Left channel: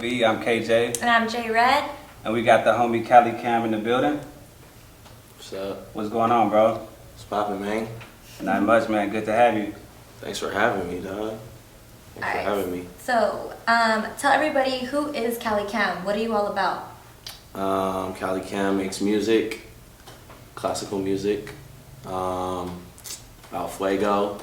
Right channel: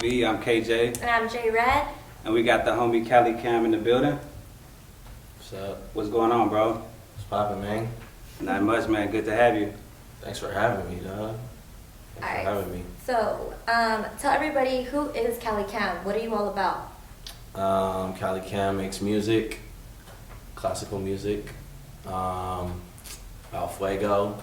POV. I'm KJ. And I'm J Red. And we got the homie Cali Cam in the building. What's up? What's going on, bro? What's poppin', man? Not much, man. Good to have you. Thanks for having me, dog. Thanks for having me. So, tell everybody, who is Cali Cam? What are you all about? Cali Cam makes music, classical music, about Fuego.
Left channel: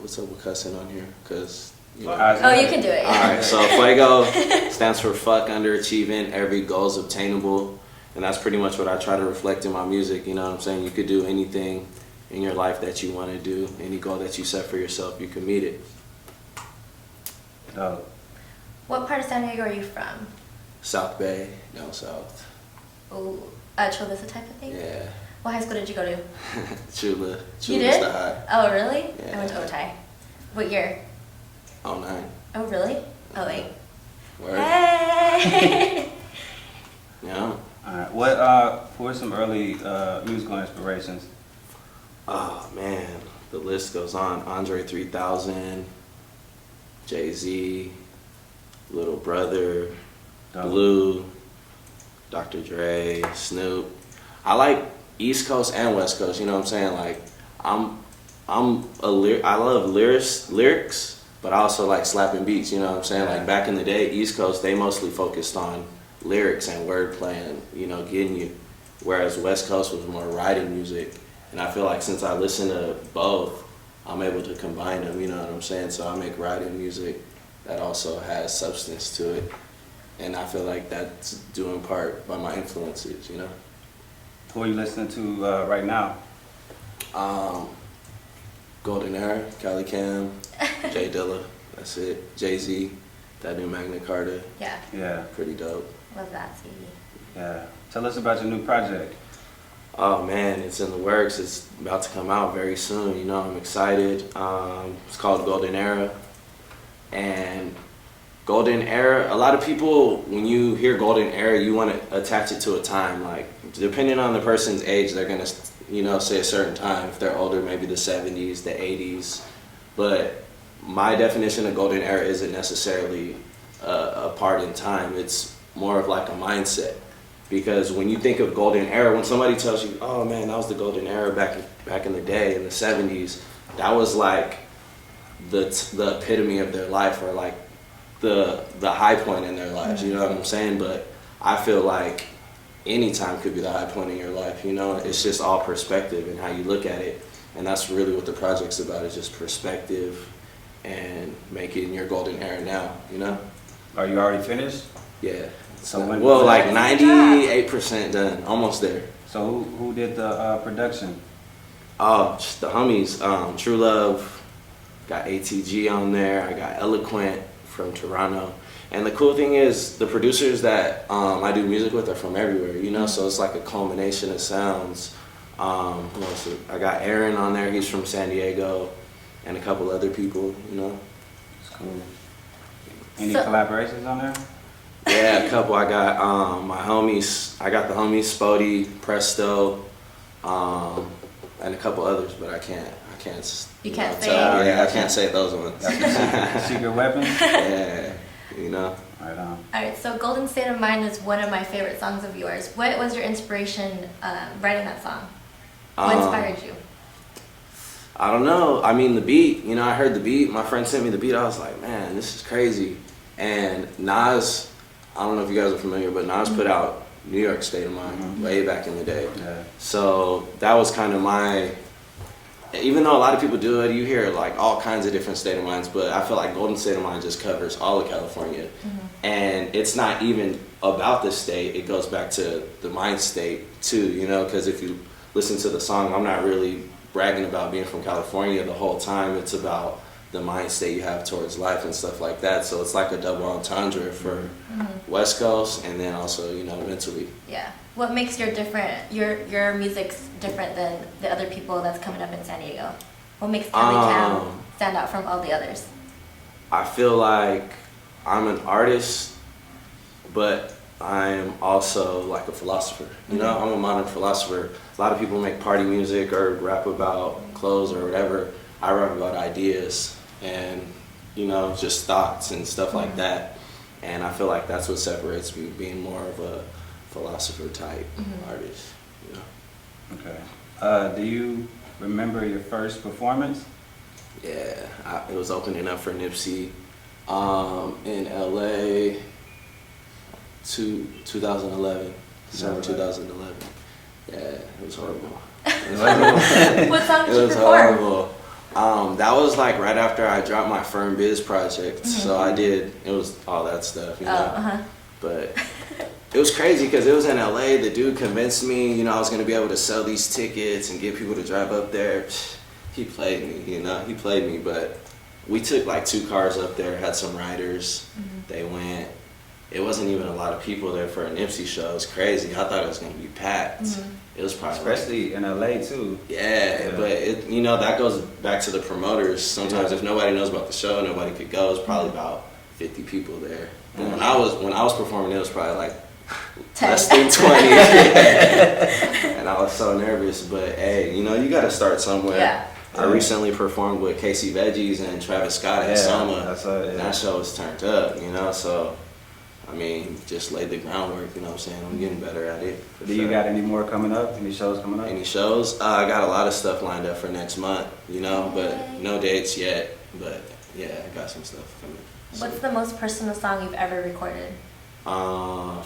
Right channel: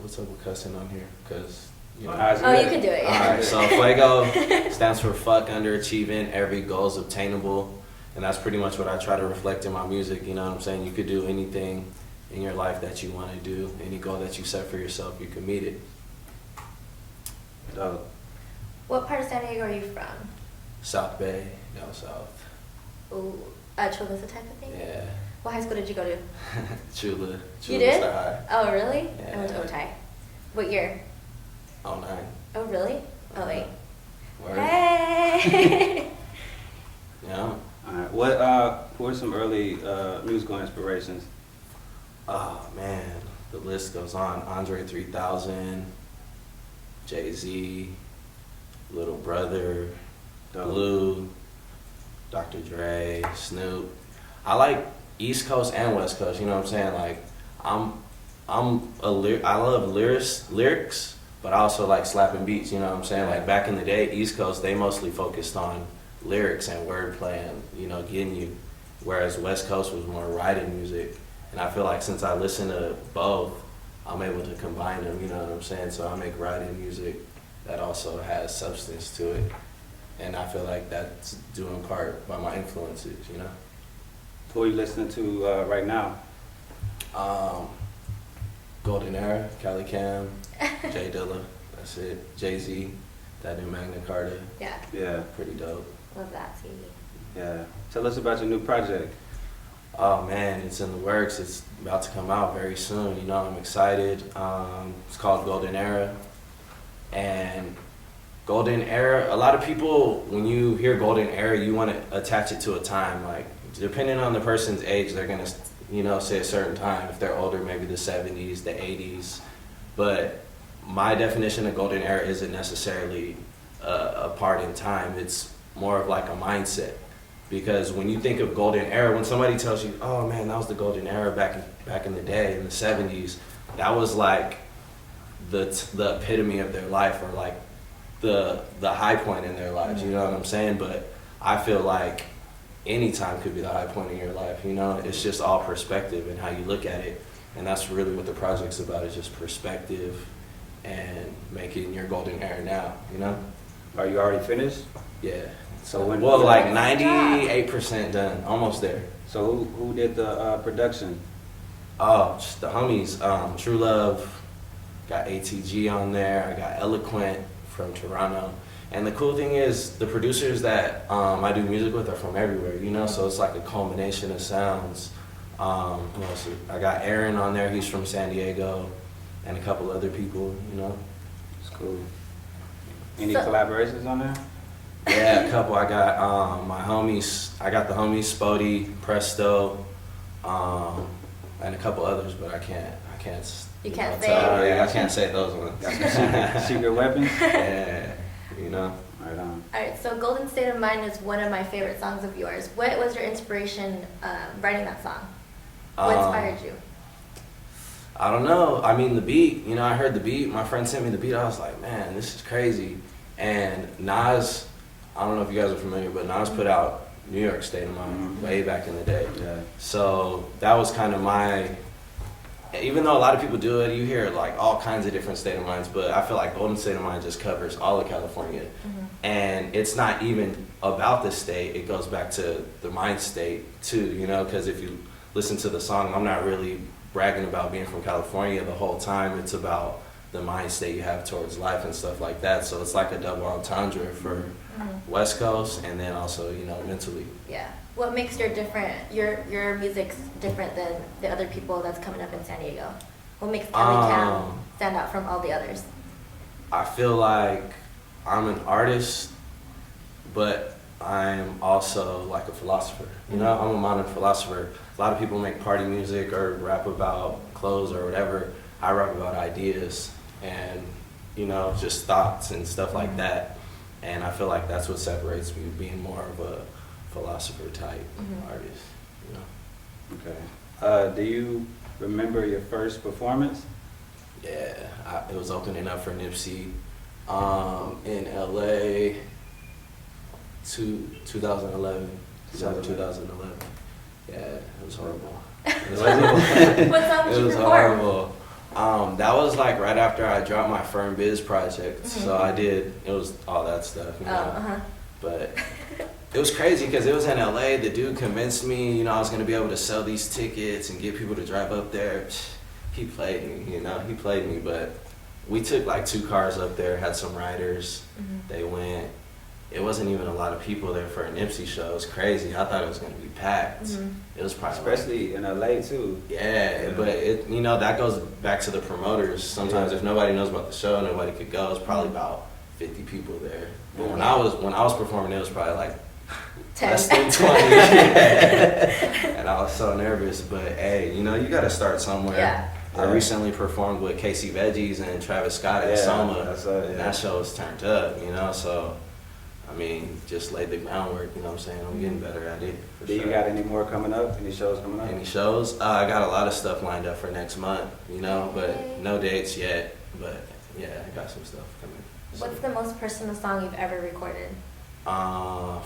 What's up with cussing on here? Cause you know. Oh, you can do it. All right, so Fuego stands for fuck underachieving. Every goal is obtainable, and that's pretty much what I try to reflect in my music. You know what I'm saying? You could do anything in your life that you want to do. Any goal that you set for yourself, you can meet it. Dope. What part of San Diego are you from? South Bay, down south. Oh, Chula type of thing? Yeah. What high school did you go to? Chula. You did? The high. Oh, really? Yeah. I went to Otay. What year? 09. Oh, really? Oh, 08. Word. Hey! Yeah. All right. What are some early musical inspirations? Oh man, the list goes on. Andre 3000, Jay-Z, Little Brother, Dope. Blue, Dr. Dre, Snoop. I like East Coast and West Coast. You know what I'm saying? Like I love lyrics, but I also like slapping beats. You know what I'm saying? Like back in the day, East Coast they mostly focused on lyrics and wordplay and getting you, whereas West Coast was more writing music. And I feel like since I listen to both, I'm able to combine them, you know what I'm saying? So I make writing music that also has substance to it. And I feel like that's due in part by my influences, you know? Who are you listening to right now? Golden Era, Cali Cam, J Dilla, that's it. Jay-Z, that new Magna Carta, Yeah, Yeah. pretty dope. love that, CD. Yeah. Tell us about your new project. Oh man, it's in the works. It's about to come out very soon. You know, I'm excited. It's called Golden Era. And Golden Era, a lot of people, when you hear Golden Era, you want to attach it to a time. Like, depending on the person's age, they're going to, say a certain time. If they're older, maybe the 70s, the 80s. But my definition of Golden Era isn't necessarily a part in time. It's more of like a mindset. Because when you think of Golden Era, when somebody tells you, oh man, that was the Golden Era back in the day, in the 70s, that was like the epitome of their life, or like the high point in their lives, you know what I'm saying? But I feel like any time could be the high point in your life, It's just all perspective and how you look at it. And that's really what the project's about, is just perspective and making your Golden Era now, Are you already finished? Yeah. So when? Well, like 98% done, almost there. So who did the production? Oh, just the homies. True Love, got ATG on there. I got Eloquent from Toronto. And the cool thing is, the producers that I do music with are from everywhere, So it's like a culmination of sounds. Who else? I got Aaron on there. He's from San Diego, and a couple other people, It's cool. Any collaborations on there? Yeah, a couple. I got my homies. I got the homies Spody, Presto, and a couple others, but I can't. You can't say tell. it. Yeah, I can't say those ones. Secret weapons? Yeah, Right on. Alright, so Golden State of Mind is one of my favorite songs of yours. What was your inspiration writing that song? What inspired you? I don't know. I mean, the beat. I heard the beat. My friend sent me the beat. I was like, man, this is crazy. And Nas, I don't know if you guys are familiar, but Nas put out New York State of Mind way back in the day. Yeah. So that was kind of even though a lot of people do it, you hear like all kinds of different state of minds, but I feel like Golden State of Mind just covers all of California. And it's not even about the state, it goes back to the mind state too, because if you listen to the song, I'm not really bragging about being from California the whole time. It's about the mind state you have towards life and stuff like that. So it's like a double entendre for West Coast, and then also, mentally. Yeah. What makes your music's different than the other people that's coming up in San Diego? What makes Cali Cam stand out from all the others? I feel like I'm an artist, but I'm also like a philosopher. I'm a modern philosopher. A lot of people make party music or rap about clothes or whatever. I rap about ideas, and you know, just thoughts and stuff like that. And I feel like that's what separates me, being more of a philosopher type artist, you know. Okay. Do you remember your first performance? Yeah, it was opening up for Nipsey in LA 2011, summer 2011. Yeah, it was horrible. It was horrible. What song did It you was perform? horrible. That was like right after I dropped my Firm Biz project. So I did, it was all that stuff, you know. But it was crazy because it was in LA. The dude convinced me, you know, I was going to be able to sell these tickets and get people to drive up there. He played me, you know, he played me. But we took like 2 cars up there, had some riders. They went. It wasn't even a lot of people there for a Nipsey show. It was crazy. I thought it was going to be packed. It was probably Especially in LA too. yeah, but it, you know, that goes back to the promoters. Sometimes if nobody knows about the show, nobody could go. It's probably about 50 people there. But when I was performing, it was probably like 10. less than 20. And I was so nervous. But hey, you know, you got to start somewhere. Yeah. I recently performed with Casey Veggies and Travis Scott in Soma. And that show was turned up, you know. So I mean, just laid the groundwork, you know what I'm saying? I'm getting better at it. Do you got any more coming up? Any shows coming up? Any shows? I got a lot of stuff lined up for next month, you know, but no dates yet. But yeah, I got some stuff coming. So, What's the most personal song you've ever recorded? man.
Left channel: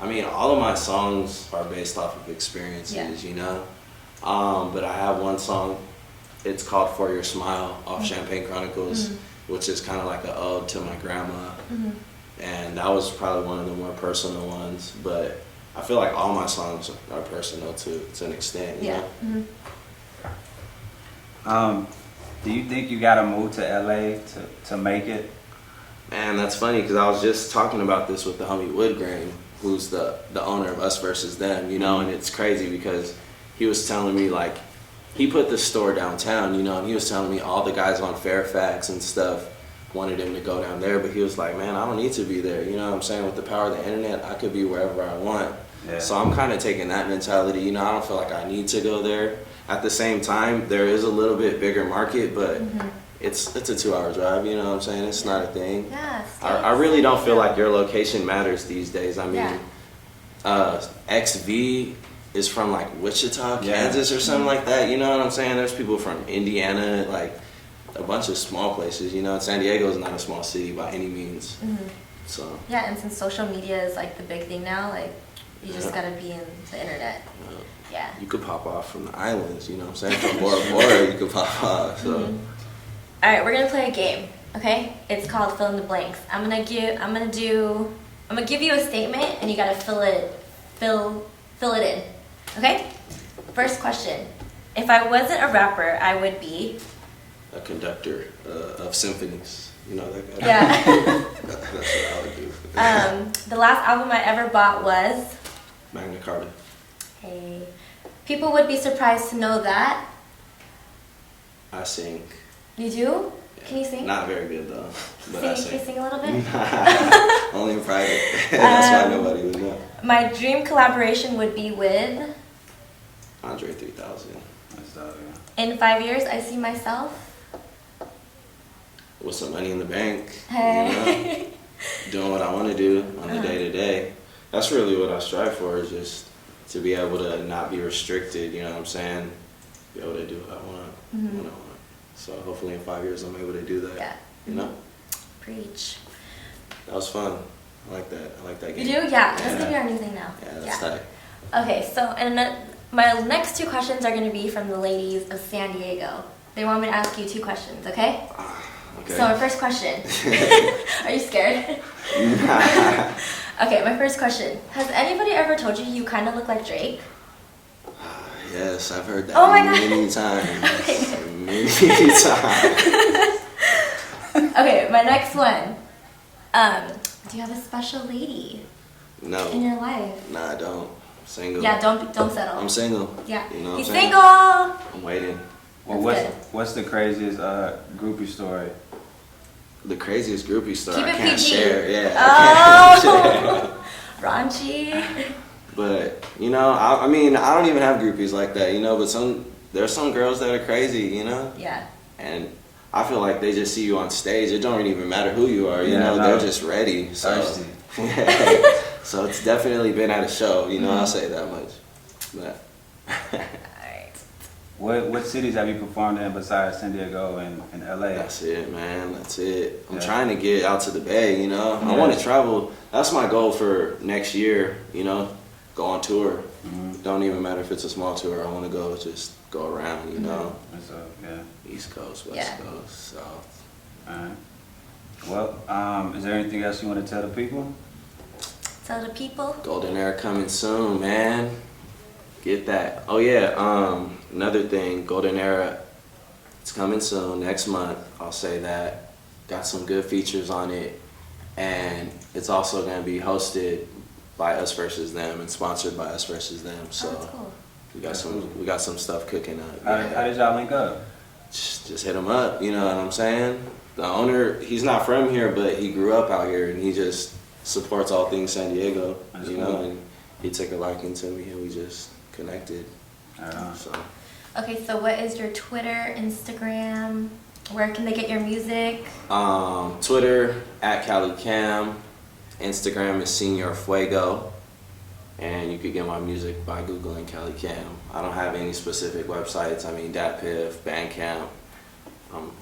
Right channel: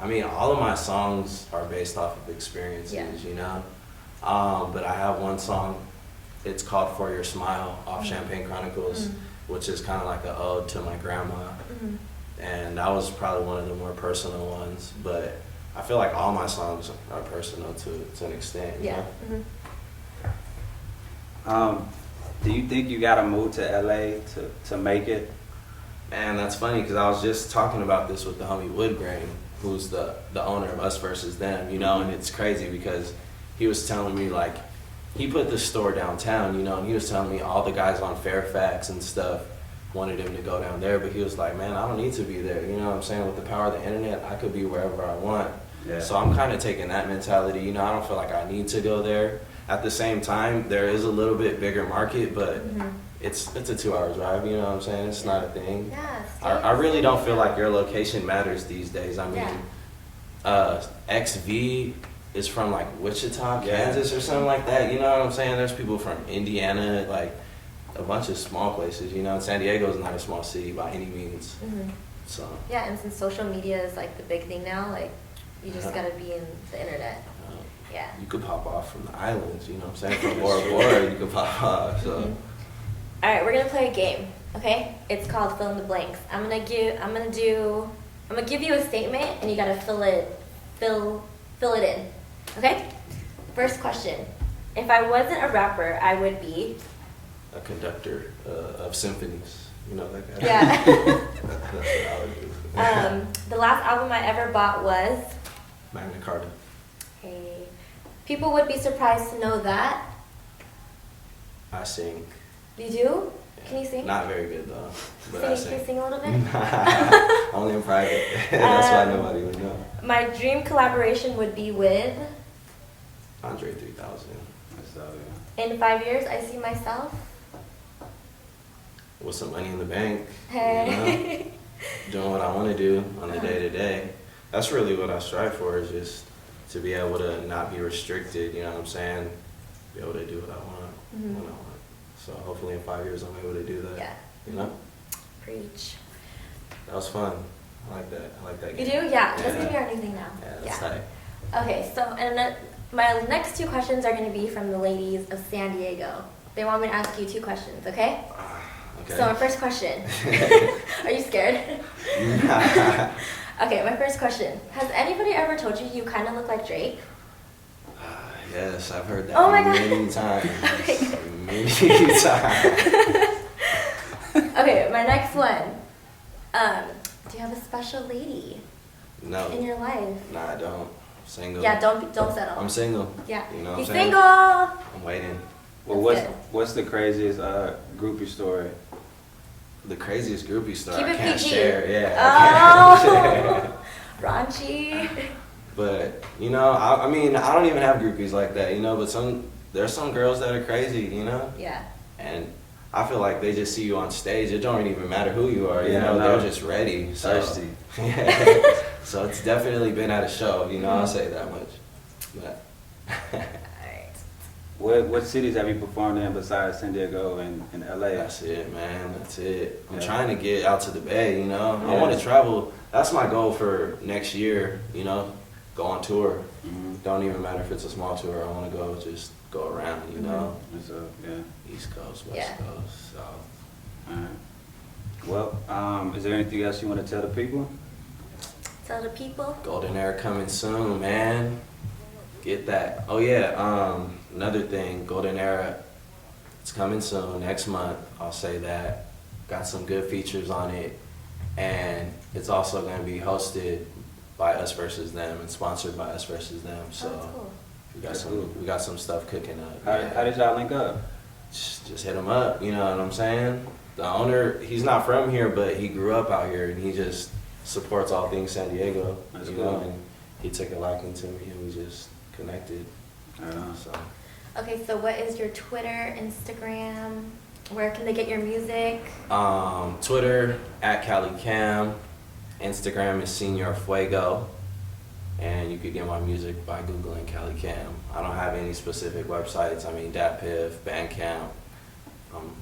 I mean, all of my songs are based off of experiences, you know. But I have one song. It's called "For Your Smile" off Champagne Chronicles, which is kind of like an ode to my grandma. And that was probably one of the more personal ones. But I feel like all my songs are personal to an extent, you know? Do you think you gotta move to LA to make it? Man, that's funny because I was just talking about this with the homie Woodgrain, who's the owner of Us Versus Them, you know, and it's crazy because he was telling me, like, he put this store downtown, you know, and he was telling me all the guys on Fairfax and stuff wanted him to go down there, but he was like, man, I don't need to be there, you know what I'm saying? With the power of the internet, I could be wherever I want. Yeah. So I'm kind of taking that mentality, you know, I don't feel like I need to go there. At the same time, there is a little bit bigger market, but it's a 2-hour drive, you know what I'm saying? It's not a thing. Yeah, I really don't feel like your location matters these days. I mean, XV is from like Wichita, Kansas or something like that, you know what I'm saying? There's people from Indiana, like a bunch of small places, you know. San Diego is not a small city by any means. So yeah, and since social media is like the big thing now, like you just gotta be in the internet. Yeah. you could pop off from the islands, you know what I'm saying? From Bora Bora, you could pop off. So All right, we're gonna play a game. Okay, it's called fill in the blanks. I'm gonna give you a statement, and you gotta fill it in. Okay. First question: if I wasn't a rapper, I would be a conductor of symphonies, you know that guy. Yeah. That's what I would do. The last album I ever bought was. Magna Carta. Hey. People would be surprised to know that. I sing. You do? Can you sing? Not very good though, but I Can you sing. sing a little bit? Only in private. That's why nobody would know. My dream collaboration would be with. Andre 3000. In 5 years, I see myself. With some money in the bank. Hey. You know, doing what I want to do on the day to day. That's really what I strive for, is just to be able to not be restricted, you know what I'm saying? Be able to do what I want when I want. So hopefully in 5 years I'm able to do that. Yeah. You know? Preach. That was fun. I like that. I like that You game. do? Yeah. That's gonna be our new thing now. Yeah, that's tight. Okay, so and then my next 2 questions are gonna be from the ladies of San Diego. They want me to ask you 2 questions, okay? Okay. So my first question. Are you scared? Nah. Okay, my first question. Has anybody ever told you you kind of look like Drake? Yes, I've heard that Oh my God. many times. Okay. Many times. Okay, my next one. Do you have a special lady in No. your life? Nah, I don't. I'm single. Yeah, don't settle. I'm single. Yeah. You know what He's I'm saying? single. I'm waiting. Well, That's what's the craziest groupie story? The craziest groupie story Keep I it can't PG. share. Yeah. I can't share. Raunchy. But you know, I mean, I don't even have groupies like that, you know. But there's some girls that are crazy, you know. Yeah. And I feel like they just see you on stage. It don't even matter who you are, you Yeah, know. no. They're just ready. So, Thirsty. yeah. So it's definitely been at a show, you know. I'll say that much. But Alright. What cities have you performed in besides San Diego and LA? that's it, man. That's it. I'm Yeah. trying to get out to the Bay, you know. I Yeah. want to travel. That's my goal for next year, you know. Go on tour. Mhm. Don't even matter if it's a small tour. I want to go around, you know. And so, yeah. East Coast, West Yeah. Coast, South. Alright. Well, is there anything else you want to tell the people? Tell the people. Golden Era coming soon, man. Get that. Oh yeah, another thing, Golden Era, it's coming soon, next month, I'll say that. Got some good features on it. And it's also gonna be hosted by Us Versus Them and sponsored by Us Versus Them. So Oh, that's cool. we got some stuff cooking up. How did y'all link up? Just hit him up, you know what I'm saying? The owner, he's not from here, but he grew up out here and he just supports all things San Diego, That's you know, cool. and he took a liking to me and we just connected. Right on. So Okay, so what is your Twitter, Instagram? Where can they get your music? Twitter at Cali Cam, Instagram is Senior Fuego, and you could get my music by googling Cali Cam. I don't have any specific websites. I mean, DatPiff, Bandcamp.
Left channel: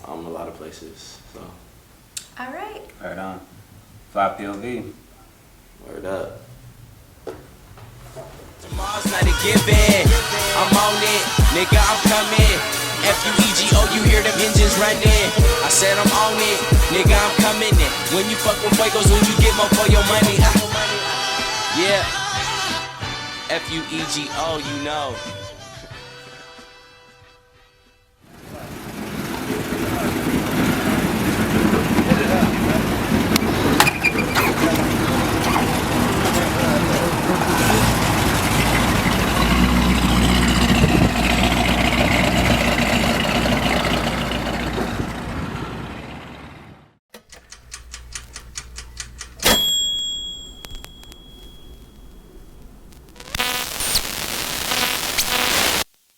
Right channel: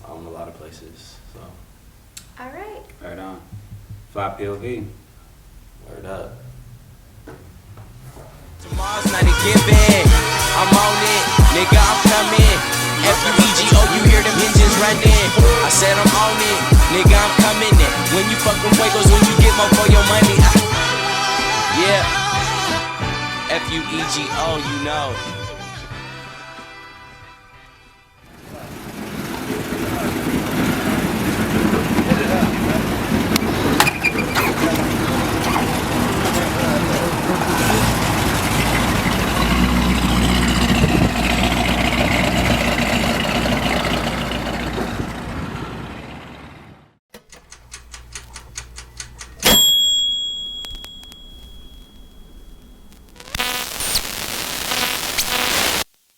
I'm a lot of places. So All right. Right on. Fly POV. word up. Tomorrow's not a given. I'm on it, nigga, I'm coming. F-U-E-G-O, you hear them engines running. I said I'm on it, nigga, I'm coming in. When you fuck with fuegos, when you get more for your money. Yeah. F-U-E-G-O, you know.